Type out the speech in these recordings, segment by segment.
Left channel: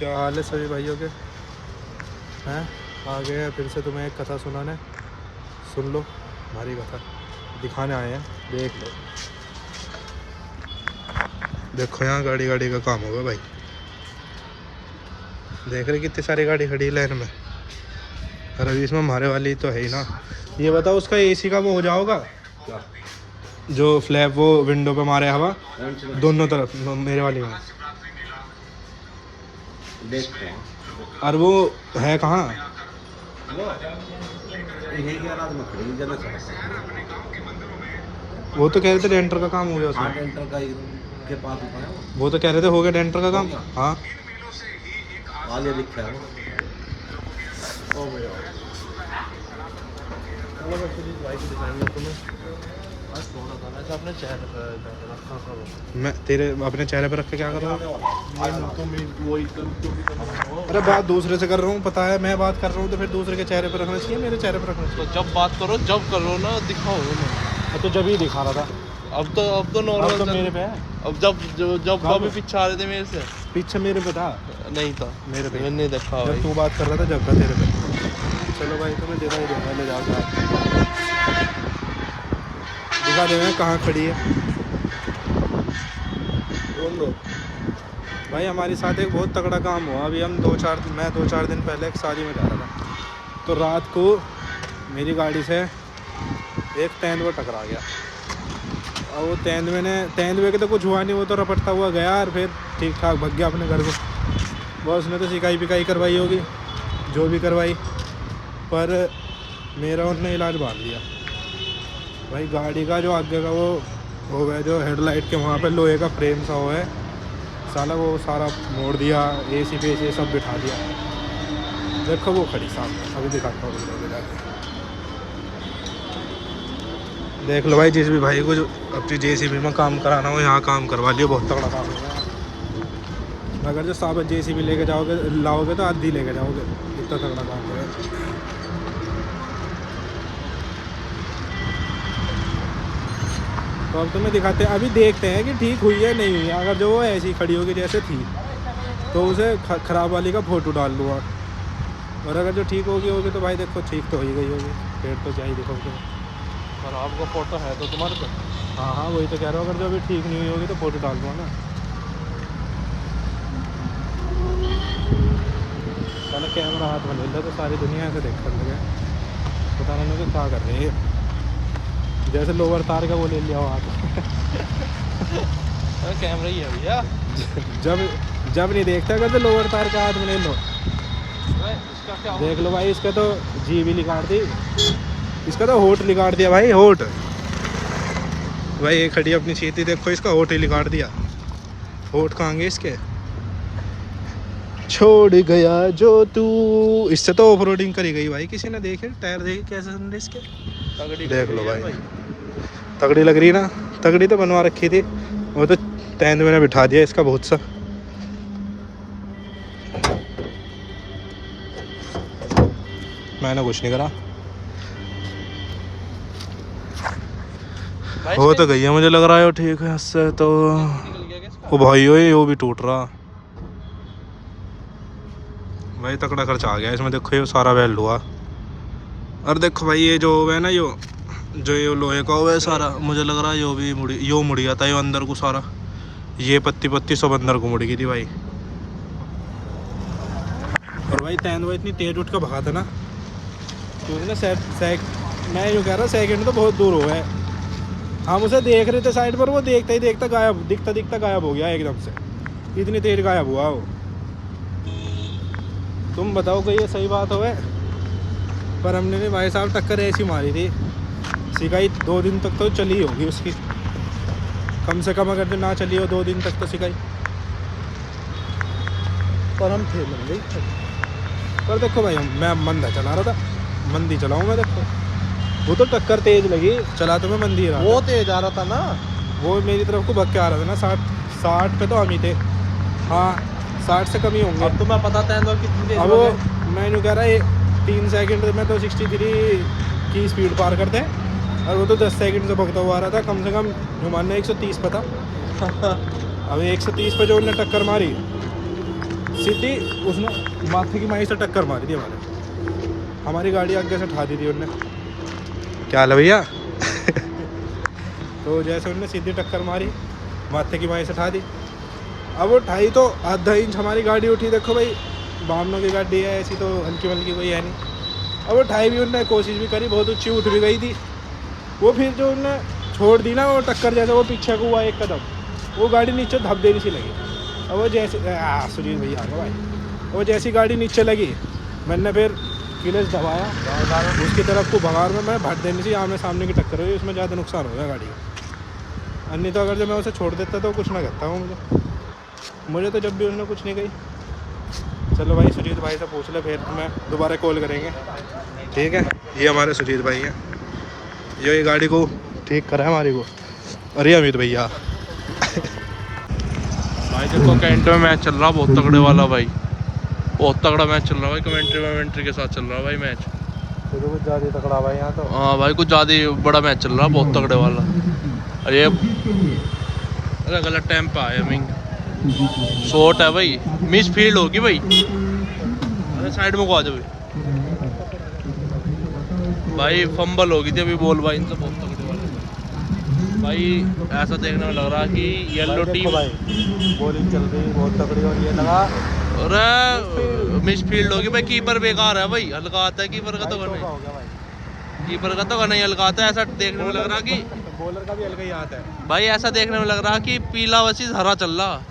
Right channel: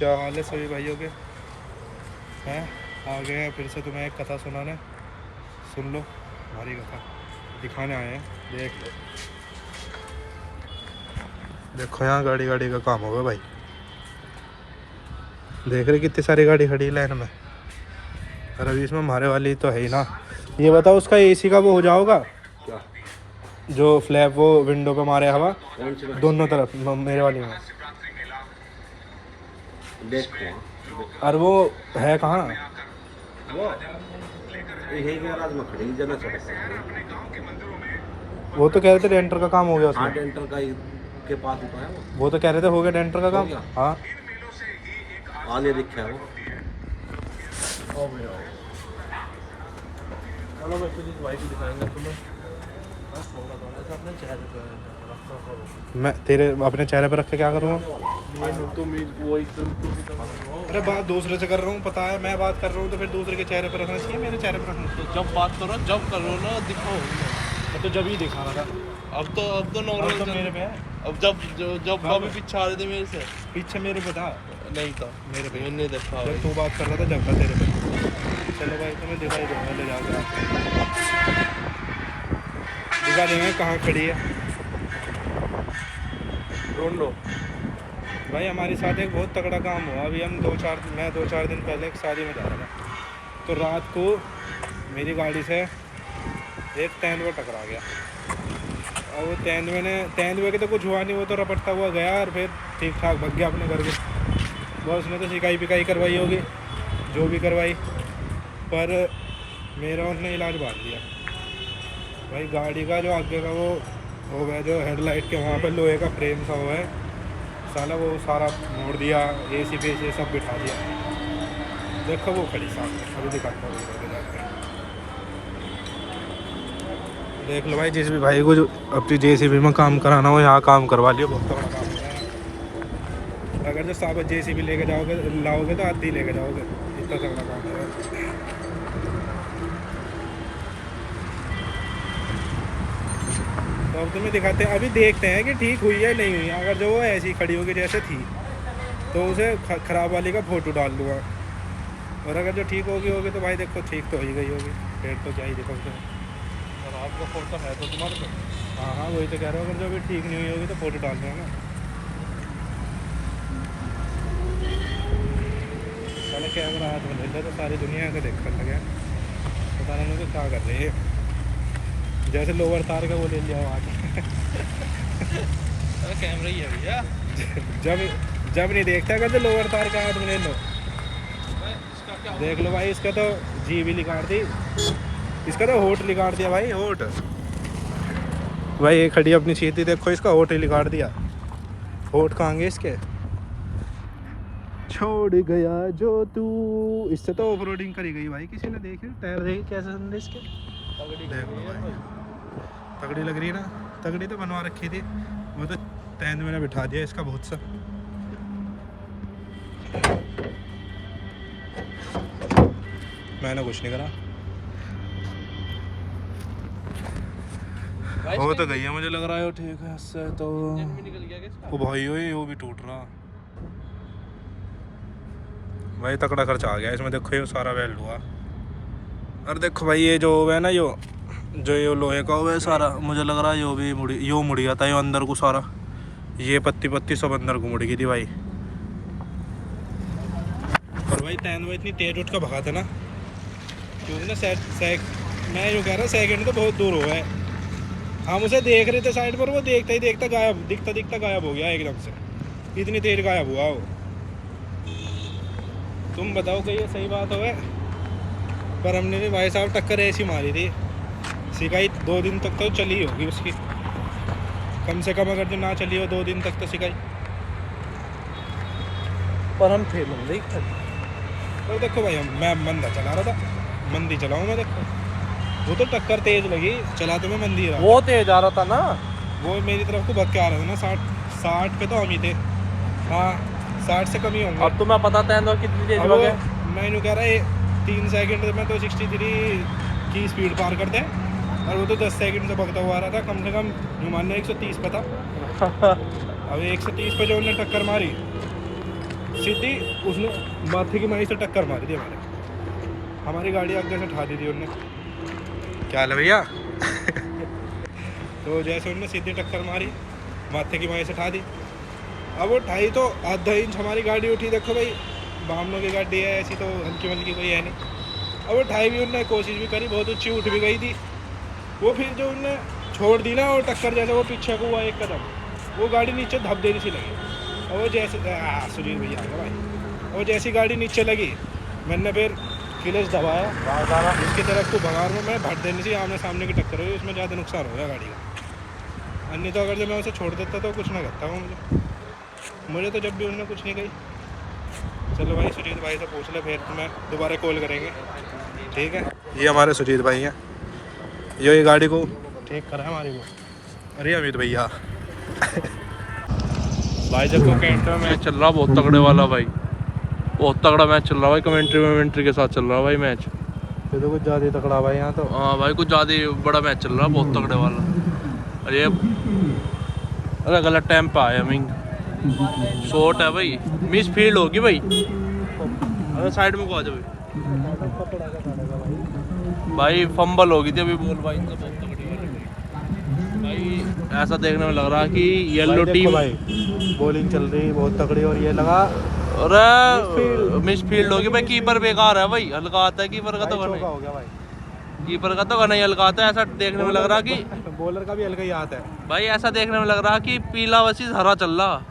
क्या हाल है सभी भाइयों के हैं? आ गए हैं फिर से तुम्हें एक कथा सुनाने। सुन लो हमारी कथा, दिखाने आए हैं। देख लो, देखो यहाँ गाड़ी गाड़ी का काम होगा भाई। देख रहे कितनी सारी गाड़ी खड़ी है लाइन में। और अभी इसमें हमारे वाली तो है ही ना। ये बताओ उसका एसी का वो हो जाओगा जो फ्लैप वो विंडो पे मारे हवा दोनों तरफ मेरे वाली में। और वो है कहाँ? वो तो कह रहे थे डेंटर का काम हो गया उसमें। डेंटर का के पास वो तो कह रहे थे हो गया डेंटर का काम। हाँ आगे दिखा है। भाई को दिखाएंगे तुम्हें। अपने चेहरे पर मैं तेरे अपने चेहरे पर रख के क्या करूँगा? अरे बात दूसरे से कर रहा हूँ, पता है मैं बात कर रहा हूँ तो फिर दूसरे के चेहरे पर रखना चाहिए, मेरे चेहरे पर रखना चाहिए। तो जब बात करो जब करो ना दिखाओ ना। तो जब ही दिखा रहा था। अब तो नॉर्मल तो मेरे पे है। अब जब अभी पीछे आ रहे थे मेरे से। पीछे मेरे पे था। नहीं था मेरे पे मैंने देखा जब तू बात कर रहा था, जब था तेरे पे। चलो भाई तुम्हें दिखाई देगा, ले जाकर दिखा देंगे कहाँ खड़ी है। ढूंढ लो भाई। हमारे साथ एक बहुत तगड़ा काम हुआ। अभी हम मैं दो चार दिन पहले एक शादी में जा रहा था, तो रात को मेरी गाड़ी से एक तेंदुआ टकरा गया। और वो तेंदुए के तो कुछ हुआ नहीं, वो तो रपटता हुआ गया और फिर ठीक ठाक भग गया अपने घर को। वो उसने तो सिकाई पिकाई करवाई होगी, जो भी करवाई, पर मेरा उसने इलाज बांध दिया भाई। गाड़ी का जो आगे का वो हो गया, जो हेडलाइट के वहाँ पे लोहे का फ्रेम सा हुआ है साला, वो सारा मोड़ दिया। एसी पे से सब बिठा दिया। देखो वो खड़ी सामने, अभी दिखाता हूँ जाकर। देख लो भाई, जिस भी भाई को जो अपनी जेसीबी में काम कराना हो यहाँ काम करवा लियो, बहुत तगड़ा काम हो रहा है। अगर जो साबित जेसीबी लेके लाओगे तो आधी लेके जाओगे, इतना तगड़ा काम हो रहा है। तो अब तुम्हें दिखाते हैं, अभी देखते हैं कि ठीक हुई है नहीं हुई। अगर जो वो ऐसी खड़ी होगी जैसे थी तो उसे ख़राब वाली का फ़ोटो डाल लूँगा, और अगर जो ठीक होगी तो भाई देखो ठीक तो हो ही गई होगी, फिर तो क्या ही देखो तुम्हें। और आपका फोटो है तो तुम्हारे पे। हाँ वही तो कह रहा हूँ। अगर जो अभी ठीक नहीं हुई होगी तो फ़ोटो डाल दूँगा ना। पहले कैमरा हाथ में ले लो तो सारी दुनिया को देखने लगे, पता नहीं तो क्या कर रहे हैं। जैसे लोअर तार का वो ले लिया हो हाथ। कैमरा ही है भैया। जब नहीं देखता अगर तो लोअर तार का हाथ में ले लो। देख लो भाई, इसका तो जी भी निकाल दी, इसका तो होठ निकाल दिया भाई, होठ। भाई ये खड़ी अपनी सीधी, देखो इसका होठ ही निकाल दिया। होठ कहाँ गए इसके? छोड़ गया जो तू। इससे तो ऑफ रोडिंग करी गई भाई। किसी ने देखे टायर देखे कैसे समझे इसके? देख लो भाई, तगड़ी लग रही ना। तगड़ी तो बनवा रखी थी, वो तो तेंदुए ने बिठा दिया इसका बहुत सा। मैंने कुछ नहीं करा। हो तो गई है, मुझे लग रहा है वो ठीक है। इससे तो वो भाई वो भी टूट रहा भाई। तगड़ा खर्चा आ गया इसमें। देखो ये सारा वेल्ड हुआ। और देखो भाई ये जो है ना, ये लोहे का हुआ है सारा, मुझे लग रहा है यो भी मुड़ गया था। ये अंदर को सारा ये पत्ती सब अंदर को मुड़ गई थी भाई। और भाई तेंदुआ इतनी तेज उठ कर भगा था ना, क्योंकि ना मैं यूँ कह रहा हूँ सेकंड तो बहुत दूर हुआ है। हम उसे देख रहे थे साइड पर, वो देखता ही देखता गायब, दिखता गायब हो गया एकदम से। इतनी तेज गायब हुआ वो। तुम बताओ कि ये सही बात हो है? पर हमने नहीं भाई साहब, टक्कर ऐसी मारी थी, सिकाई 2 दिन तक तो चली होगी उसकी, कम से कम। अगर जो ना चली हो 2 दिन तक तो सिकाई, पर हम थे नहीं। पर देखो भाई, मैं मंदा चला रहा था, मंदी चलाऊँ मैं। देखो वो तो टक्कर तेज लगी, चला तो मैं मंदी रहा। वो तेज आ रहा था ना, वो मेरी तरफ को भग के आ रहा था ना। 60 पे तो हम ही थे। हाँ 60 से कम ही होंगे। अब तुम्हें पता तेंदुआ कितनी तेज अब वो मैं यूँ कह रहा है 3 सेकंड में तो 63 की स्पीड पार करते हैं, और वो तो 10 सेकंड से भगता हुआ आ रहा था। कम से कम मान लो 130 पे था। अब 130 पे जो उन्हें टक्कर मारी, सीधी उसने माथे की माई से टक्कर मारी थी हमारी गाड़ी आगे से उठा दी थी उनने। क्या हाल है भैया? तो जैसे उनने सीधी टक्कर मारी, माथे की माई से उठा दी। अब वो उठाई तो आधा इंच हमारी गाड़ी उठी। देखो भाई, बामनों की गाड़ी है ऐसी, तो हल्की मल्की कोई है नहीं। अब वो उठाई भी उनने कोशिश भी करी, बहुत ऊँची उठ भी गई थी वो। फिर जो उनने छोड़ दी ना वो टक्कर, जैसे वो पीछे को हुआ एक कदम, वो गाड़ी नीचे धप देनी सी लगी। और वो जैसे सुजीत भैया आ गए भाई, वो जैसी गाड़ी नीचे लगी, मैंने फिर क्लच दबाया, उसकी तरफ को भगार में मैं भट देनी थी, आमने सामने की टक्कर हुई, उसमें ज़्यादा नुकसान हो गया गाड़ी का। अन्य तो अगर जो मैं उसे छोड़ देता तो कुछ ना करता वो मुझे तो जब भी उन्होंने कुछ नहीं कही। चलो भाई, सुजीत भाई से पूछ ले, फिर मैं दोबारा कॉल करेंगे, ठीक है? ये हमारे सुजीत भाई हैं, ये गाड़ी को ठीक करा है हमारी को। अरे अमित भैया भाई देखो कैंटे में मैच चल रहा, बहुत तगड़े वाला भाई, बहुत तगड़ा मैच चल रहा भाई। कमेंट्री के साथ चल रहा भाई मैच। तो कुछ ज़्यादा तगड़ा भाई यहाँ तो। हाँ भाई, कुछ ज़्यादा ही बड़ा मैच चल रहा, बहुत तगड़े वाला। अरे अरे गलत टाइम पे आया मिंग, शॉट है भाई, मिस फील्ड होगी भाई। अरे साइड में को आ जाओ भाई, फंबल होगी थी अभी बॉल भाई इनसे, बहुत तगड़े वाले भाई। ऐसा देखने में लग रहा कि येलो टीम बॉलिंग चल रही बहुत तगड़ी हो, ये लगा। अरे मिस फील्ड होगी भाई, कीपर बेकार है भाई, हल्का आता है कीपर का तो नहीं, कीपर का तो नहीं हल्का आता है। ऐसा देखने में लग रहा कि बॉलर का भी हल्का ही आता है भाई, ऐसा देखने में लग रहा कि पीला वसीस हरा चल रहा।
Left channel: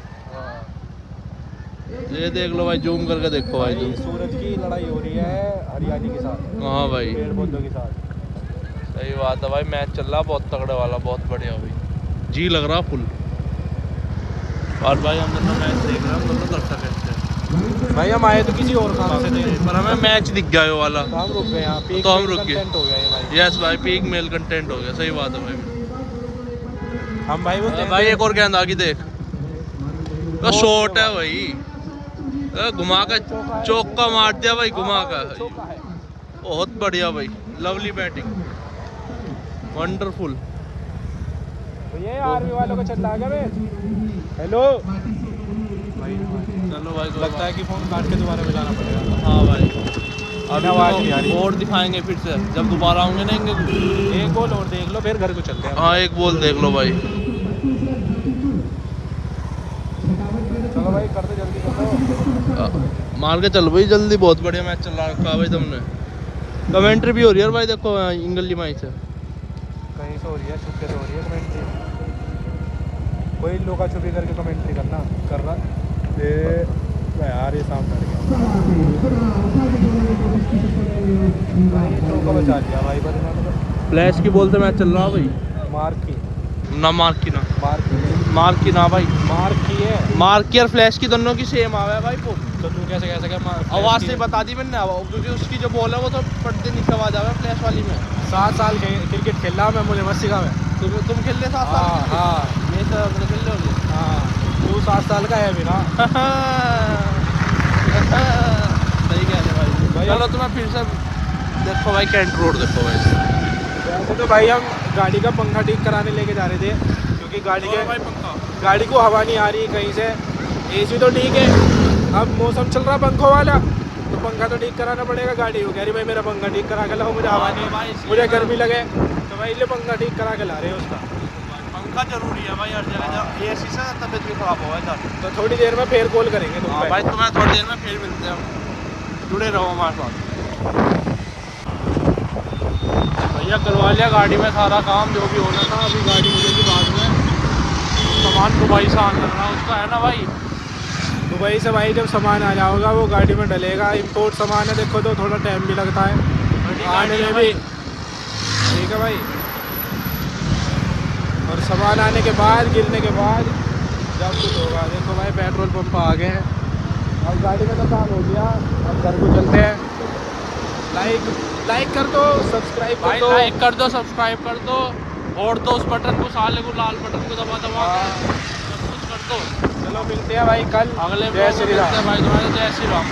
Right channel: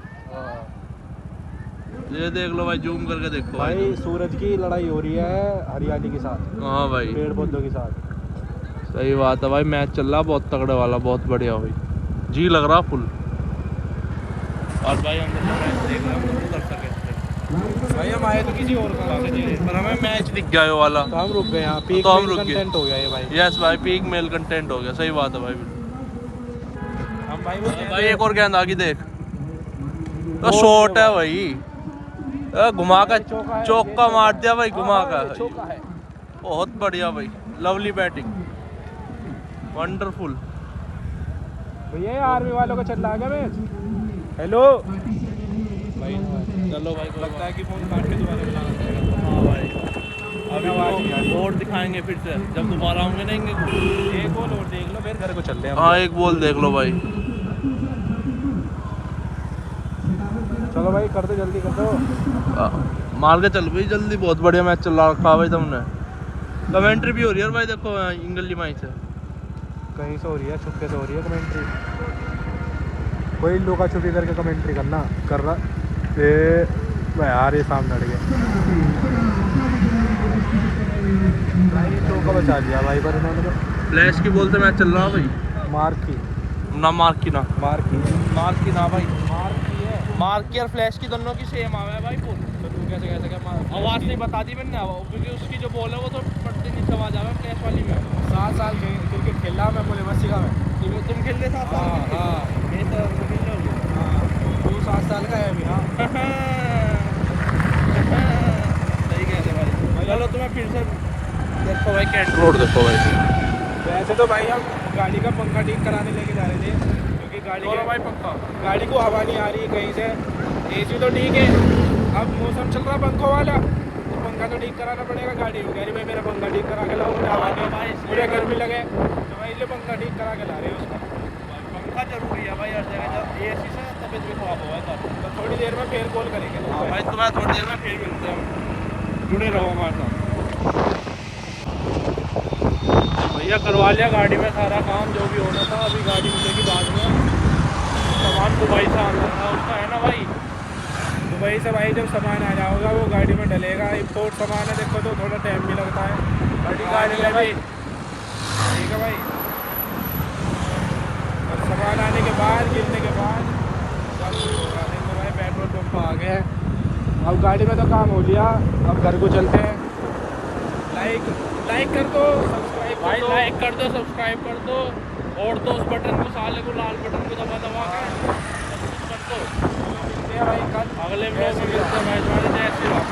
ये देख लो भाई, जूम करके देखो भाई, भाई सूरज की लड़ाई हो रही है हरियाली के साथ। हाँ भाई, पेड़ पौधों के साथ। सही बात है भाई, मैच चल रहा बहुत तगड़े वाला, बहुत बढ़िया भाई, जी लग रहा फुल। और भाई हम दोनों मैच देख रहे हैं, हम दोनों दर्शक हैं। भाई हम आए तो किसी और काम से थे, पर हमें मैच दिख गया ये वाला, हम रुक गए, तो हम रुक गए। हो गया ये भाई। यस भाई, पीक मेल कंटेंट हो गया, सही बात है भाई। हम भाई भाई एक और गेंद आ गई देख, तो शॉट है भाई, घुमा का चौका मार दिया भाई, घुमा का, बहुत बढ़िया भाई, लवली बैटिंग, वंडरफुल। ये आर्मी वालों को चल रहा है भाई। हेलो भाई, चलो भाई, लगता है कि फोन काट के दोबारा बजाना पड़ेगा। हाँ भाई, अभी आवाज़ नहीं आ रही। तो और दिखाएंगे फिर से, जब दोबारा होंगे ना इनके। एक बॉल और देख लो, फिर घर को चलते हैं। हाँ एक बॉल देख लो भाई। चलो भाई, कर दो जल्दी कर दो। मार के चल भाई जल्दी, बहुत बढ़िया मैच चल रहा भाई। तुमने कमेंट्री भी हो रही है भाई, देखो इंगली माई से कहीं से हो रही है, छुपके से हो रही है कमेंट्री। कोई लोका छुपी करके कमेंट्री कर रहा यार, ये सामने लड़ गया। उनको बचा दिया भाई, फ्लैश की बॉल से मैच चल रहा भाई। मार्क की मार्क की ना भाई, मार्क की और फ्लैश की दोनों की सेम आवा है भाई बॉल। तो तू कैसे कैसे क्या मार्क? आवाज़ से बता दी मैंने, क्योंकि उसकी जो बॉल है वो तो पड़ते नीचे आवाज आवा है फ्लैश वाली में। 7 साल क्रिकेट खेला मैं, मुझे मत सिखा में। तुम खेल ले 7 साल? हाँ मैं तो खेल रहे हाँ, तू 7 साल का है अभी ना। सही कह रहे भाई। चलो तुम्हें फिर से देखो भाई, कैंट रोड देखो भाई। ऐसे तो भाई हम गाड़ी का पंखा ठीक कराने लेके जा रहे थे, क्योंकि भाई पंखा, गाड़ी को हवा नहीं आ रही कहीं से। एसी तो ठीक है, अब मौसम चल रहा पंखों वाला, तो पंखा तो ठीक कराना पड़ेगा गाड़ी को। कह रही भाई मेरा पंखा ठीक करा के लाओ, मुझे हवा नहीं, मुझे गर्मी लगे, तो भाई ले पंखा ठीक करा के ला रहे हैं उसका। पंखा जरूरी है भाई हर जगह, एसी से तबीयत भी खराब हो जाती है। तो थोड़ी देर में फिर कॉल करेंगे तुम पे। भाई तुम्हें थोड़ी देर में फिर मिलते हैं, जुड़े रहो हमारे साथ। भैया करवा लिया गाड़ी में सारा काम जो भी होना था, अभी गाड़ी मिलेगी बाद में। सामान दुबई से आने लगना है उसका, है ना भाई? दुबई से भाई जब सामान आ जाएगा वो गाड़ी में डलेगा। इम्पोर्ट सामान है, देखो तो थोड़ा टाइम भी लगता है। बड़ी गाड़ी है भाई, ठीक है भाई। और सामान आने के बाद, गिरने के बाद जब कुछ होगा। देखो भाई, पेट्रोल पंप आ गया है और गाड़ी में तो काम हो गया। अब घर को चलते हैं। लाइक कर दो, सब्सक्राइब भाई लाइक कर दो, सब्सक्राइब कर दो, और तो उस बटन को, साले को, लाल बटन को दबा के सब कुछ कर दो। चलो मिलते हैं भाई कल अगले जय श्री राम। भाई तुम्हारे जय श्री राम।